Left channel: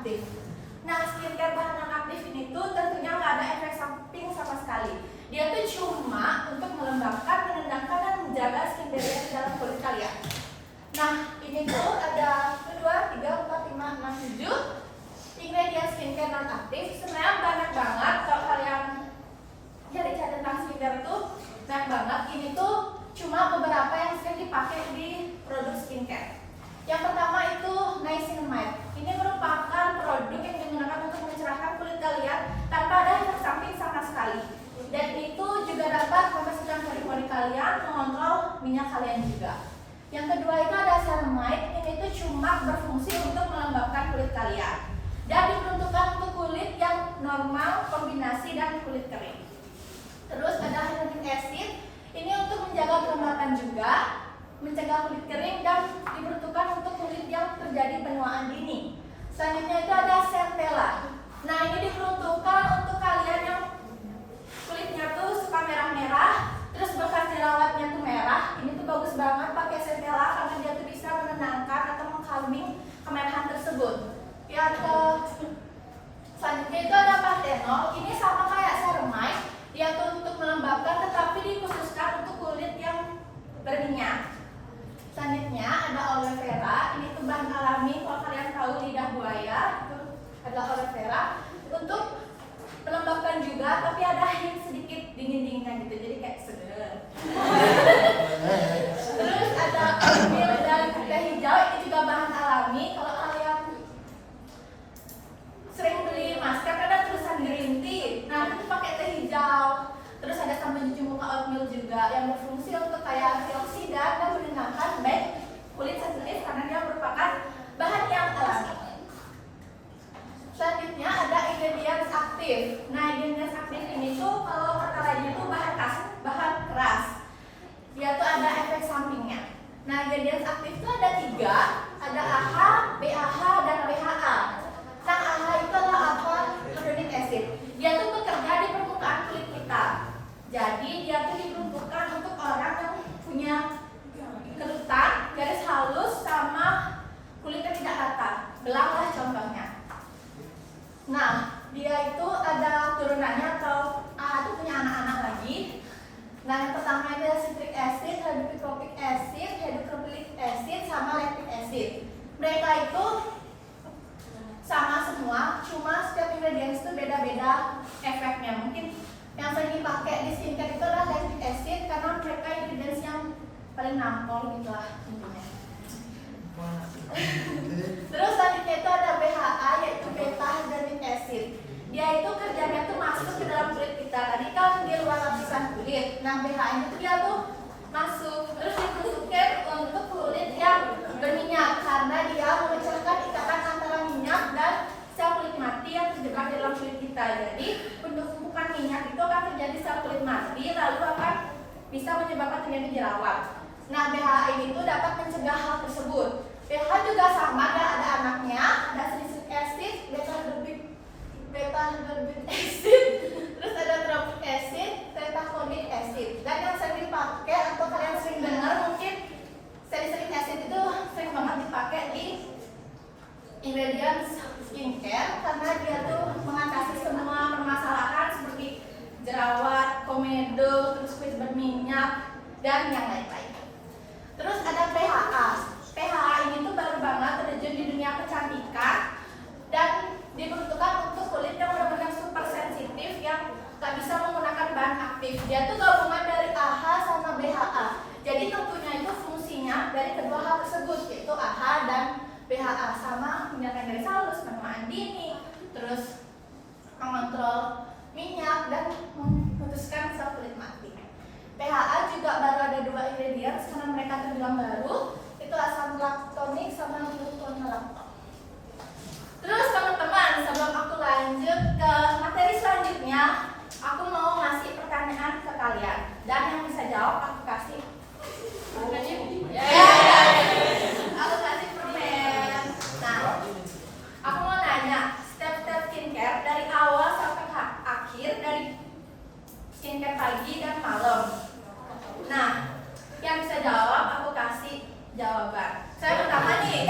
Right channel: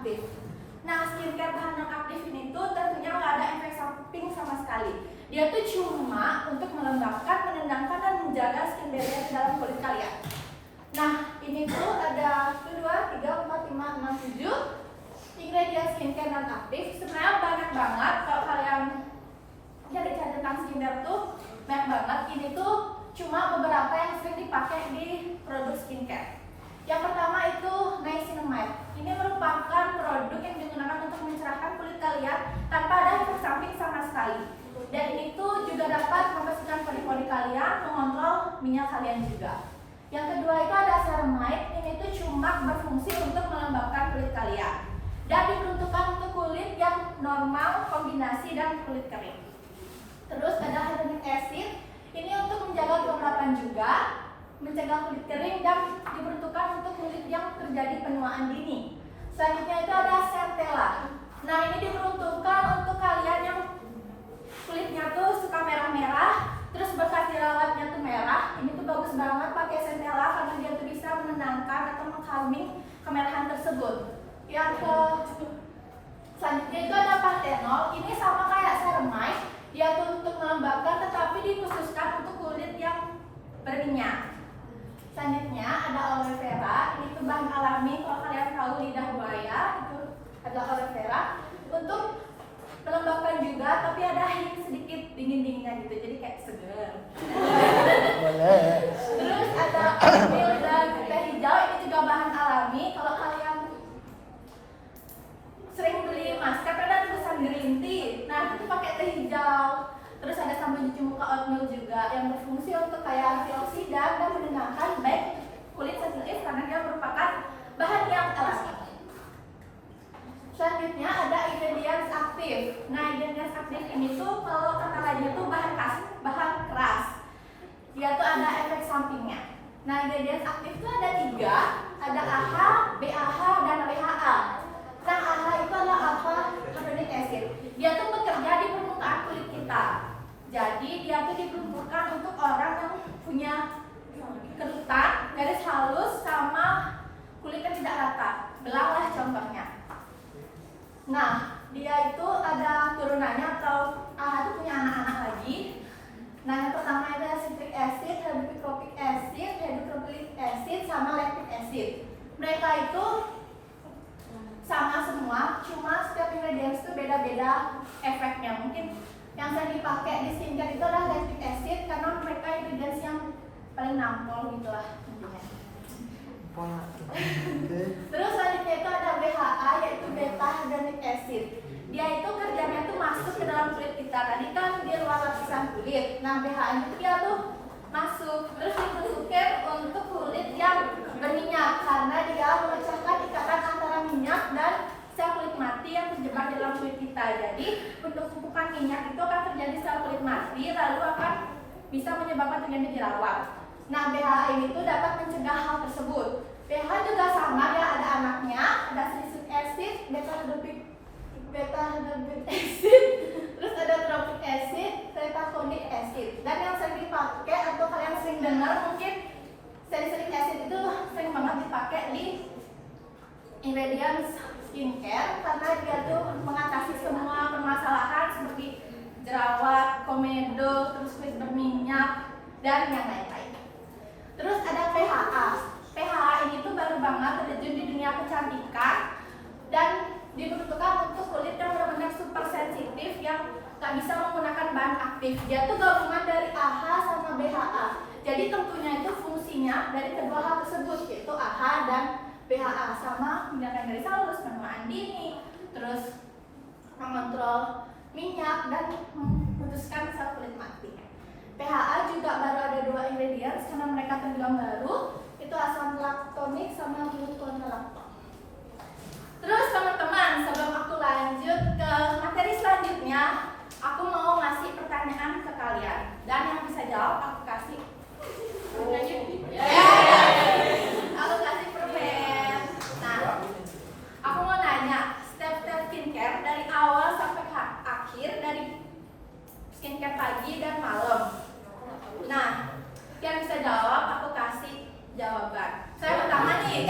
aktif. Nah, skincare bahan non-aktif ini tuh tentunya nggak ada efek samping sama sekali. Dia tuh cuma untuk melembabkan, menenangkan, dan menjaga skin barrier di dalam kulit kalian. Nah, ini tuh ada 1, 2, 3, 4, 5, 6, 7 ingredient skincare non-aktif. Sebenarnya banyak banget kalau kalian cari-cari tentang skincare tuh banyak banget. Ini tuh cuma beberapa yang sering dipakai di produk skincare. Yang pertama itu niacinamide. Ini merupakan produk yang digunakan untuk mencerahkan kulit kalian tanpa ada efek samping sama sekali. Dan itu juga dapat membersihkan pori-pori kalian, mengontrol minyak kalian juga. Yang kedua itu ada ceramide. Ini tuh cuma berfungsi untuk melembabkan kulit kalian dan diperuntukkan untuk kulit yang normal, kombinasi, dan kulit kering. Terus ada hyaluronic acid. Ini untuk menjaga kelembapan juga, mencegah kulit kering, dan diperuntukkan untuk kulit yang terjadi penuaan dini. Selanjutnya itu ada centella. Nah, ini diperuntukkan untuk kalian yang kulitnya tuh suka merah-merah, terus bekas jerawatnya tuh merah. Ini tuh bagus banget pakai centella karena dia tuh bisa menenangkan atau mengkalming kemerahan tersebut. Yang selanjutnya itu ada panthenol. Ini sama kayak ceramide, dia tuh untuk melembabkan tetapi dikhususkan untuk kulit yang berminyak. Selanjutnya ada aloe vera. Ini tuh bahan alami, kalau kalian tahu lidah buaya itu adalah aloe vera, untuk melembabkan juga, tapi ada yang sedikit dingin-dinginnya gitu, jadi kayak seger. Terus ada oatmeal dan teh hijau. Ini juga bahan alami. Kalau kalian sering beli masker ada tulisan green tea, nah itu pakai teh hijau. Terus ada sabun cuci muka oatmeal juga yang berfungsi untuk kayak antioksidan dan menenangkan baik kulit sensitif karena dia merupakan bahan yang alami. Selanjutnya ada ingredients aktif. Nah, ingredients aktif ini tuh kalau kata lainnya tuh bahan keras. Dia tuh ada efek sampingnya. Nah, ingredients aktif tuh ada 3, ada AHA, BAH, dan WHA. Nah, AHA itu adalah hyaluronic acid. Dia tuh bekerja di permukaan kulit kita. Jadi dia tuh diperuntukkan untuk orang yang punya kerutan, garis halus, sama kulitnya tidak rata. Belang lah contohnya. Nah, dia itu ada turunannya atau itu punya anak-anak lagi. Nah, yang pertama itu ada citric acid, hydrochloric acid, hydrochloric acid, sama lactic acid. Mereka itu sama semua, cuma setiap ingredients itu beda-beda efeknya. Mungkin yang sering dipakai di skincare itu adalah lactic acid karena mereka ingredients yang paling nampol gitulah intinya. Terus selanjutnya itu ada BHA, yaitu beta hyaluronic acid. Dia itu kerjanya tuh masuk ke dalam kulit kita. Tadi kan dia luar lapisan kulit. Nah, BHA itu dia tuh masuk, terus diperuntukkan untuk kulit yang berminyak karena dia memecahkan ikatan antara minyak dan sel kulit mati yang terjebak di dalam kulit kita. Jadi penumpukan minyak itu akan terjadi sel kulit mati, lalu akan bisa menyebabkan terjadi jerawat. Nah, BHA ini tuh dapat mencegah hal tersebut. BHA juga sama, ya, ada anaknya, ada salicylic acid, beta hydroxy acid, terus ada trophic acid, tetafonic acid. Dan yang sering dipakai atau kalian sering dengar mungkin salicylic acid itu sering banget dipakai di ingredients skincare karena dia tuh mengatasi semua permasalahan seperti jerawat, komedo, terus kulit berminyak, dan yang lain-lain. Terus ada PHA. PHA ini tuh baru banget terjun di dunia kecantikan dan diperuntukkan untuk kulit yang benar-benar super sensitif yang gak bisa menggunakan bahan aktif. Dia tuh gabungan dari AHA sama BHA. Jadi tentunya itu fungsinya dari kedua hal tersebut, yaitu AHA dan BHA, sama menghilangkan garis halus, penuaan dini, terus mengontrol minyak dan memutuskan sel kulit mati. PHA juga baru ada 2 ingredients karena mereka terbilang baru, itu asam laktonik sama glucosilactone. Terus teman-teman, sebelum aku lanjut ke materi selanjutnya, aku mau ngasih pertanyaan ke kalian dan yang bisa jawab aku kasih aku kasih permen. Nah, aku mau nanya step-step skincare dari awal sampai akhir, dari skincare pagi dan malam. Nah, yang bisa jawab aku kasih jawaban. Saya pertama nih.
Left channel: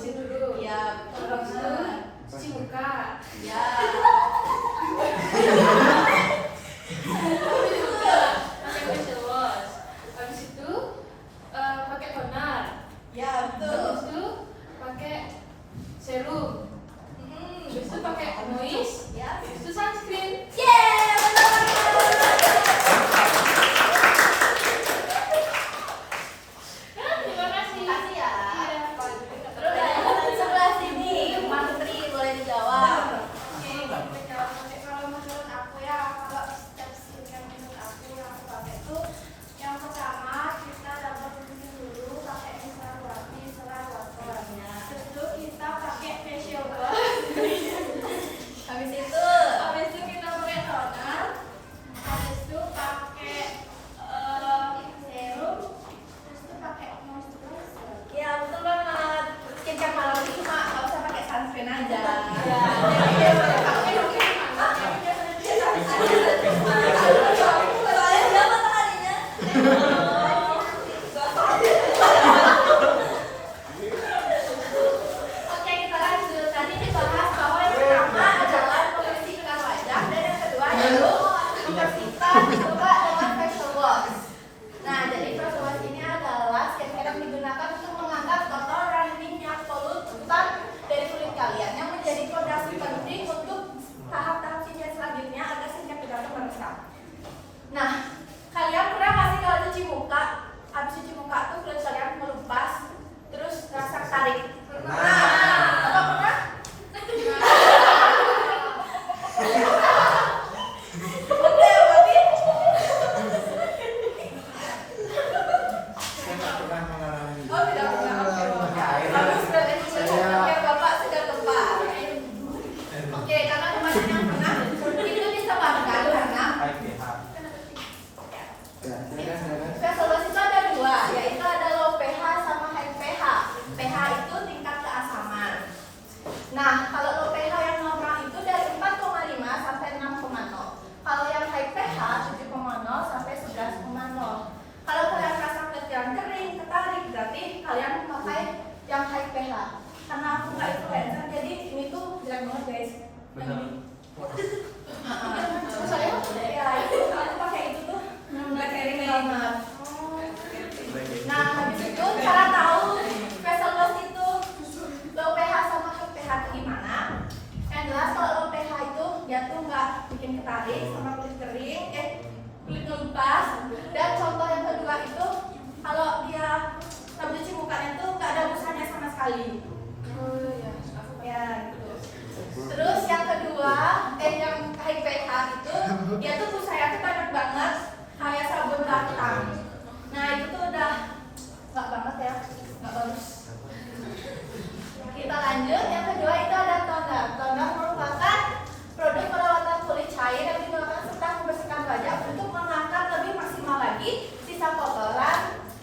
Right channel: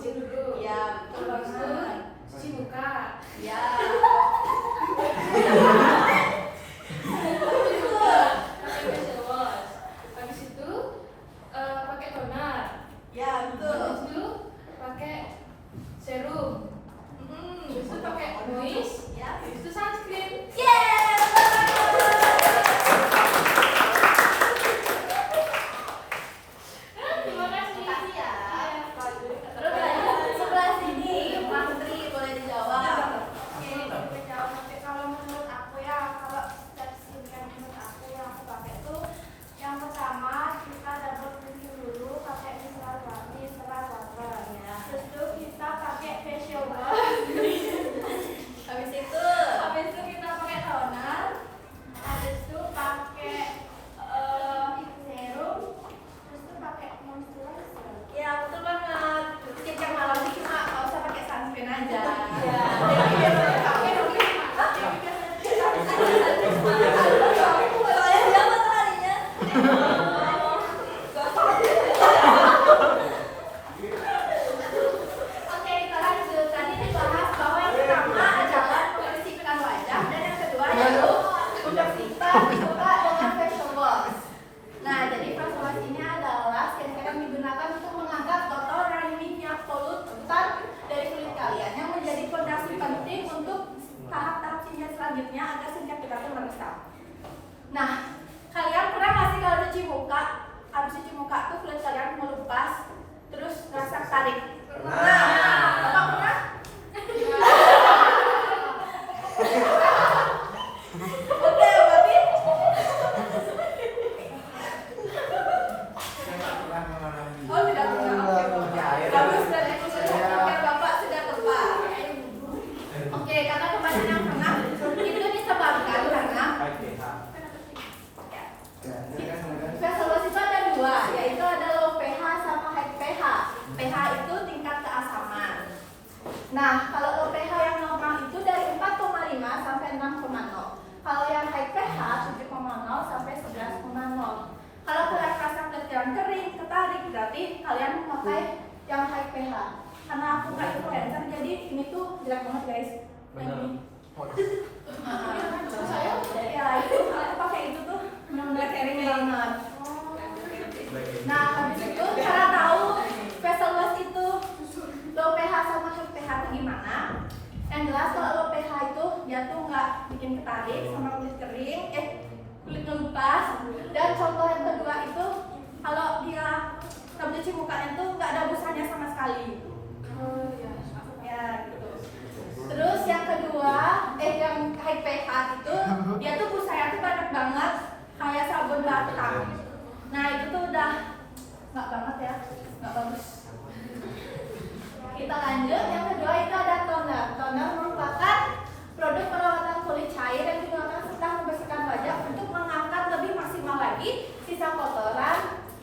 bersihin dulu. Ya, betul Habis itu banget. cuci muka. Ya. Pakai facial wash. Habis itu pakai toner. Ya, betul. Habis itu pakai serum. Habis itu pakai moist. Ya. Habis itu sunscreen. Terima kasih. Makasih ya. Iya. Terus sebelah sini, Mantri boleh dijawab. Kalau menurut aku ya, kalau setiap skincare menurut aku pakai tuh yang pertama kita double cleansing dulu pakai micellar water. Terus itu kita pakai facial wash. Habis itu, Habis itu kita pakai toner. Habis itu pakai serum. Terus itu pakai moisturizer. ya betul banget. Skincare malam itu cuma nggak usah pakai sunscreen aja. Ya. Oke, kita lanjut. Tadi dibahas bahwa yang pertama adalah membersihkan wajah dan yang kedua yaitu membersihkan muka dengan facial wash. Nah, jadi facial wash ini adalah skincare yang digunakan untuk mengangkat kotoran, minyak, polutan dari kulit kalian yang menjadi fondasi penting untuk tahap-tahap skincare selanjutnya agar skincare kita tuh meresap. Nah, kalian pernah nggak sih kalau cuci muka, habis cuci muka tuh kulit kalian melupas, terus rasa tarik? Nah, Bapak pernah? Oke, berarti oh tidak pernah. Bagus, berarti skincare Bapak sudah tepat. Oke, karena kemarin yang pernah itu disebabkan karena facial wash itu ada dua, yaitu ada low pH sama high pH. pH itu tingkat keasaman. Nah, kalau low pH yang normal itu dari 4,5 sampai 6,0. Kalau yang high pH 7,0 sampai 11,0. Kalau kalian merasa kulit kalian kering, ketarik, berarti kalian memakai yang high pH. Karena aku nggak influencer, jadi ini tuh jelek banget guys. Yang ini. Saya ya itu aku pakai itu tuh benar-benar kering banget. Nah, habis itu cara tahu facial wash itu low pH sama high pH itu gimana? Yang jelas kalau low pH itu dia tuh nggak bikin ketarik sama kulit kering, kulit ngelupas. Dan contoh yang kedua itu kalau dia cuci mukanya tuh nggak ada busanya sama sekali. Ya gitu. Terus yang kedua, yang high pH itu dia tuh busanya tuh banyak banget kayak sabun batang. Nah itu tuh udah nggak banget ya, nggak bagus. Kita lanjut, yang kedua itu ada toner. Toner merupakan produk perawatan kulit cair yang digunakan setelah membersihkan wajah untuk mengangkat lebih maksimal lagi sisa kotoran,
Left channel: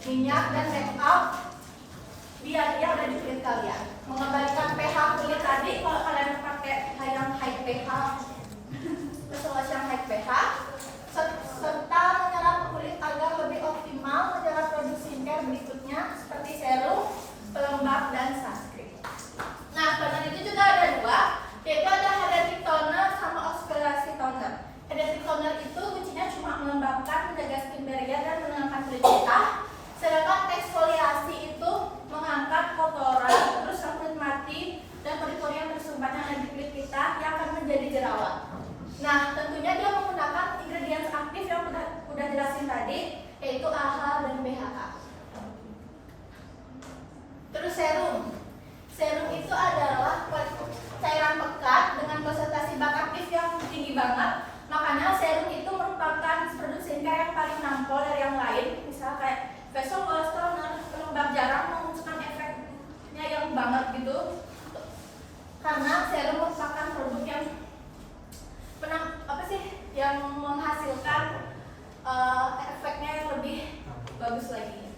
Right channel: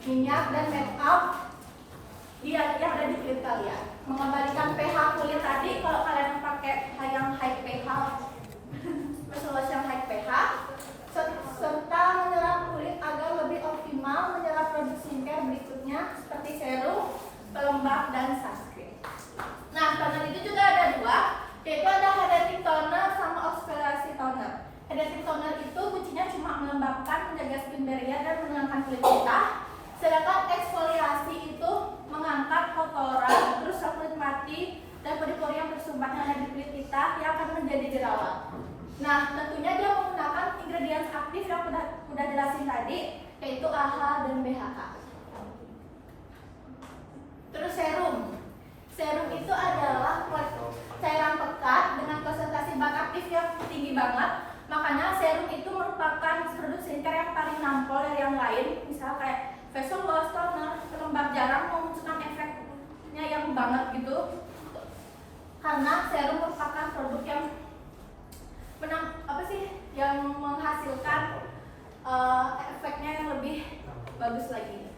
minyak dan make up yang ada di kulit kalian. Mengembalikan pH kulit tadi kalau kalian pakai yang high pH, facial wash yang high pH, serta menyerap kulit agar lebih optimal menyerap produk skincare berikutnya seperti serum, pelembab, dan sunscreen. Nah, toner itu juga ada dua, yaitu ada hydrating toner sama oxidasi toner. Hydrating toner itu fungsinya cuma melembabkan, menjaga skin barrier, dan menenangkan kulit kita. Sedangkan eksfoliasi itu mengangkat kotoran, terus kulit mati, dan pori-pori yang tersumbat yang ada di kulit kita yang akan menjadi jerawat. Nah, tentunya dia menggunakan ingredients aktif yang udah jelasin tadi, yaitu AHA dan BHA. Terus serum. Serum itu adalah cairan pekat dengan konsentrasi bak aktif yang tinggi banget. Makanya serum itu merupakan produk skincare yang paling nampol dari yang lain. Misal kayak facial wash, toner, pelembab jarang memunculkan efeknya yang banget gitu. Karena serum merupakan produk yang yang menghasilkan efeknya yang lebih bagus lagi.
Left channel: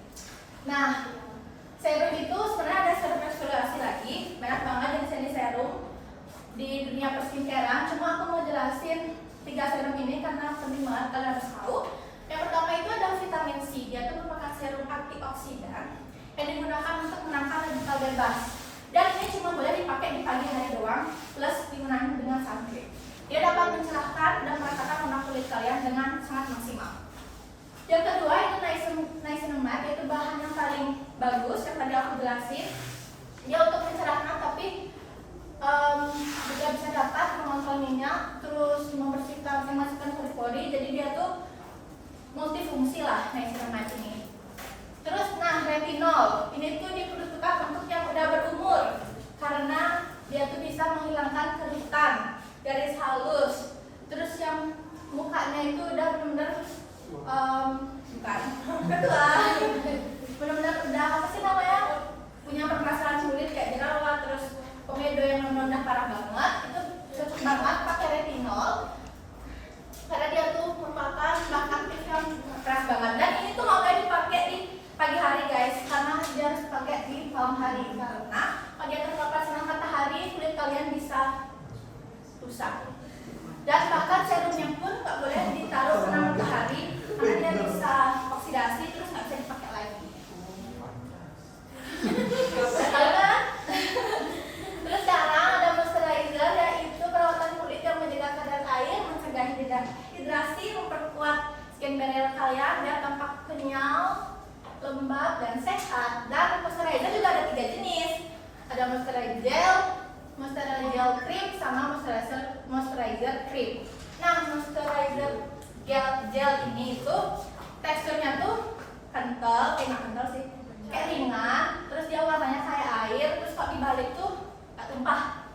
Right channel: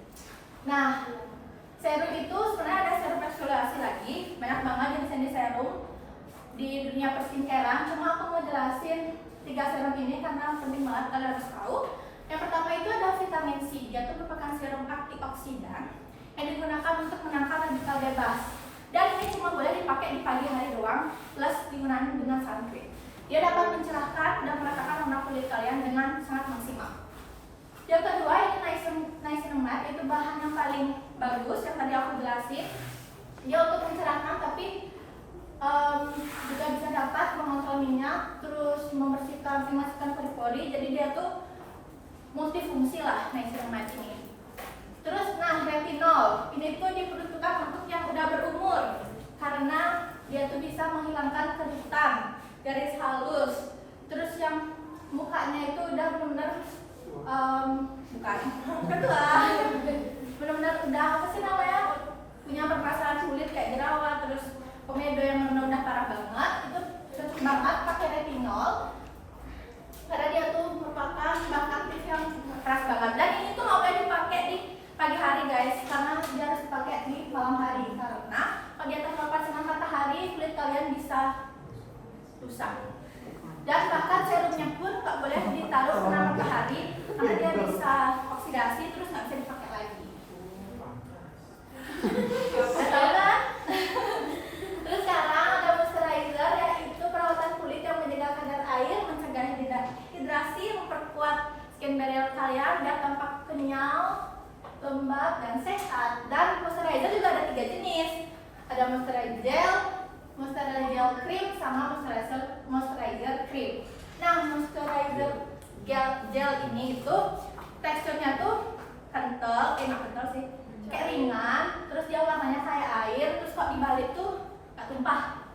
Nah, serum itu sebenarnya ada serum eksfoliasi lagi, banyak banget jenis serum di dunia perskincarean. Cuma aku mau jelasin 3 serum ini karena penting banget kalian harus tahu. Yang pertama itu ada vitamin C, dia itu merupakan serum antioksidan yang digunakan untuk menangkal radikal bebas. Dan doang plus dimenahi dengan sunscreen. Dia dapat mencerahkan dan meratakan warna kulit kalian dengan sangat maksimal. Yang kedua ini niacinamide, yaitu bahan yang paling bagus yang tadi aku jelasin. Dia untuk mencerahkan tapi juga bisa dapat mengontrol minyak, terus membersihkan pori-pori. Jadi dia tuh multifungsi lah niacinamide ini. Terus retinol, ini tuh diperuntukkan untuk yang udah berumur karena dia tuh bisa menghilangkan kerutan, garis halus. Terus yang mukanya itu udah benar-benar bukan ketua, benar-benar udah apa sih namanya, punya permasalahan kulit kayak jerawat, terus komedo yang udah parah banget, itu cocok banget pakai retinol karena dia tuh merupakan bahan aktif yang keras banget. Dan ini tuh nggak boleh dipakai di pagi hari guys, karena dia harus dipakai di malam hari karena kalau dia terpapar sinar matahari kulit kalian bisa rusak. Dan bahkan serumnya pun nggak boleh ditaruh sinar matahari karena dia bisa oksidasi terus nggak bisa dipakai lagi. Udah tahu kan? Terus sekarang ada moisturizer, yaitu perawatan kulit yang menjaga kadar air, mencegah dehidrasi, memperkuat skin barrier kalian biar tampak kenyal, lembab dan sehat. Dan moisturizer juga ada 3 jenis. Ada moisturizer gel cream sama moisturizer cream. Nah, moisturizer gel ini itu teksturnya tuh kental, nggak kental sih, kayak ringan. Terus dia warnanya kayak air. Terus kok dibalik tuh nggak tumpah.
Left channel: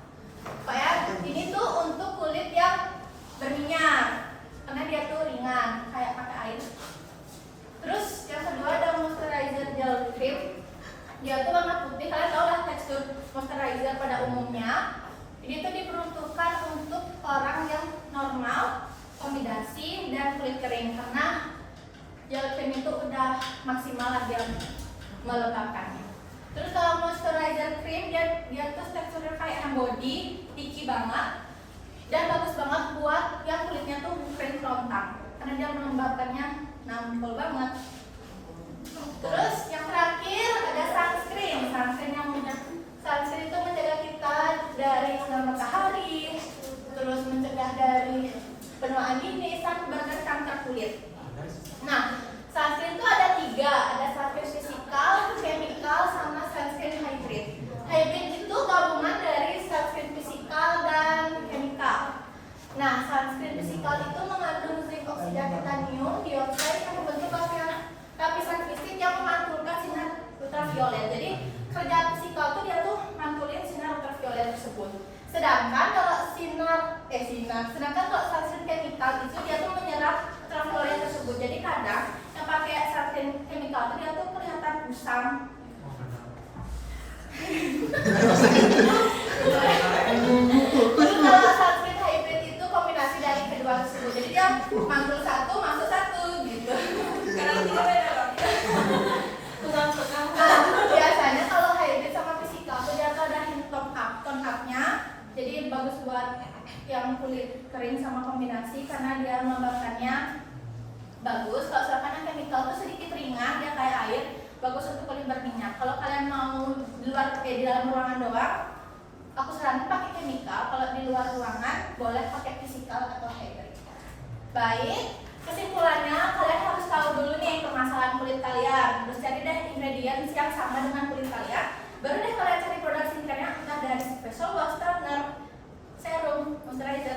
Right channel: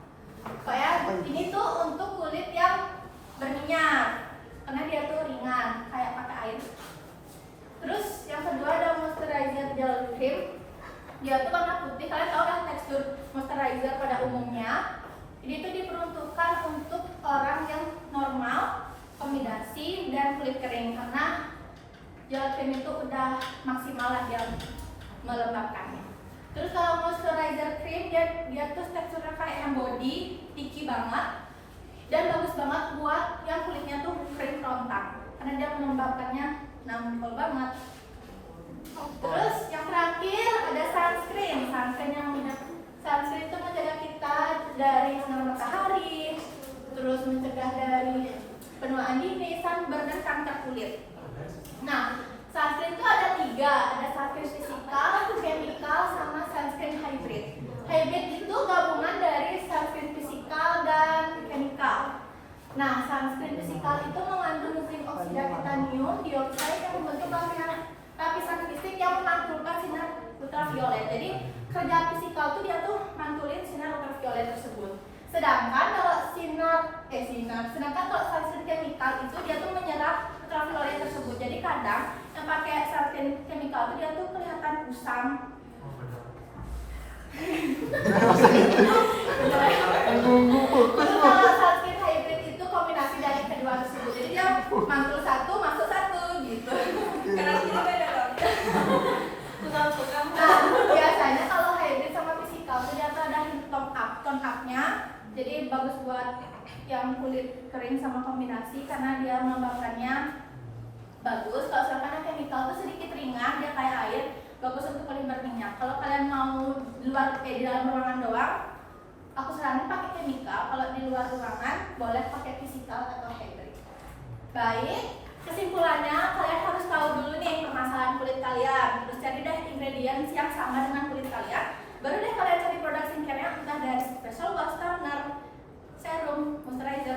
Kayak ini tuh untuk kulit yang berminyak karena dia tuh ringan, kayak pakai air. Terus yang kedua ada moisturizer gel cream. Dia tuh warna putih. Kalian tahu dah tekstur moisturizer pada umumnya. Ini tuh diperuntukkan untuk orang yang normal, kombinasi dan kulit kering karena gel cream itu udah maksimal lah dia melembabkannya. Terus kalau moisturizer cream dia tuh teksturnya kayak yang body, sticky banget dan bagus banget buat yang kulitnya tuh kering kerontang karena dia melembabkannya nampol banget. Terus yang terakhir ada sunscreen. Sunscreen itu menjaga kita dari sinar matahari, terus mencegah dari penuaan dini, sunburn dan kanker kulit. Nah, sunscreen itu ada 3, ada sunscreen fisikal, chemical, sama sunscreen hybrid. Hybrid itu gabungan dari sunscreen fisikal dan chemical. Nah, sunscreen fisikal itu mengandung zinc oksida titanium dioksida yang membentuk lapisan fisik yang memantulkan sinar ultraviolet. Jadi kerja fisikal itu dia tuh mantulin sinar ultraviolet tersebut. Sedangkan kalau sedangkan kalau sunscreen chemical itu dia tuh menyerap ultraviolet tersebut. Jadi kadang yang pakai sunscreen chemical itu dia tuh kelihatan kusam. Terus kalau sunscreen hybrid itu kombinasi dari kedua tersebut. Jadi dia mantul satu, masuk satu gitu. Nah, biasanya kalau hybrid sama fisikal itu dia ada tone up-nya. Jadi bagus buat yang kulit kering sama kombinasi karena dia melembabkannya bagus. Kalau misalkan yang chemical itu sedikit ringan, dia kayak air, bagus untuk kulit berminyak. Kalau kalian mau di dalam ruangan doang, aku saranin pakai chemical. Kalau di luar ruangan boleh pakai fisikal atau hybrid. Baik, kesimpulannya kalian harus tahu dulu nih permasalahan kulit kalian. Terus cari deh ingredient yang sama dengan kulit kalian. Baru deh kalian cari produk skincare-nya entah dari facial wash, toner, serum, moisturizer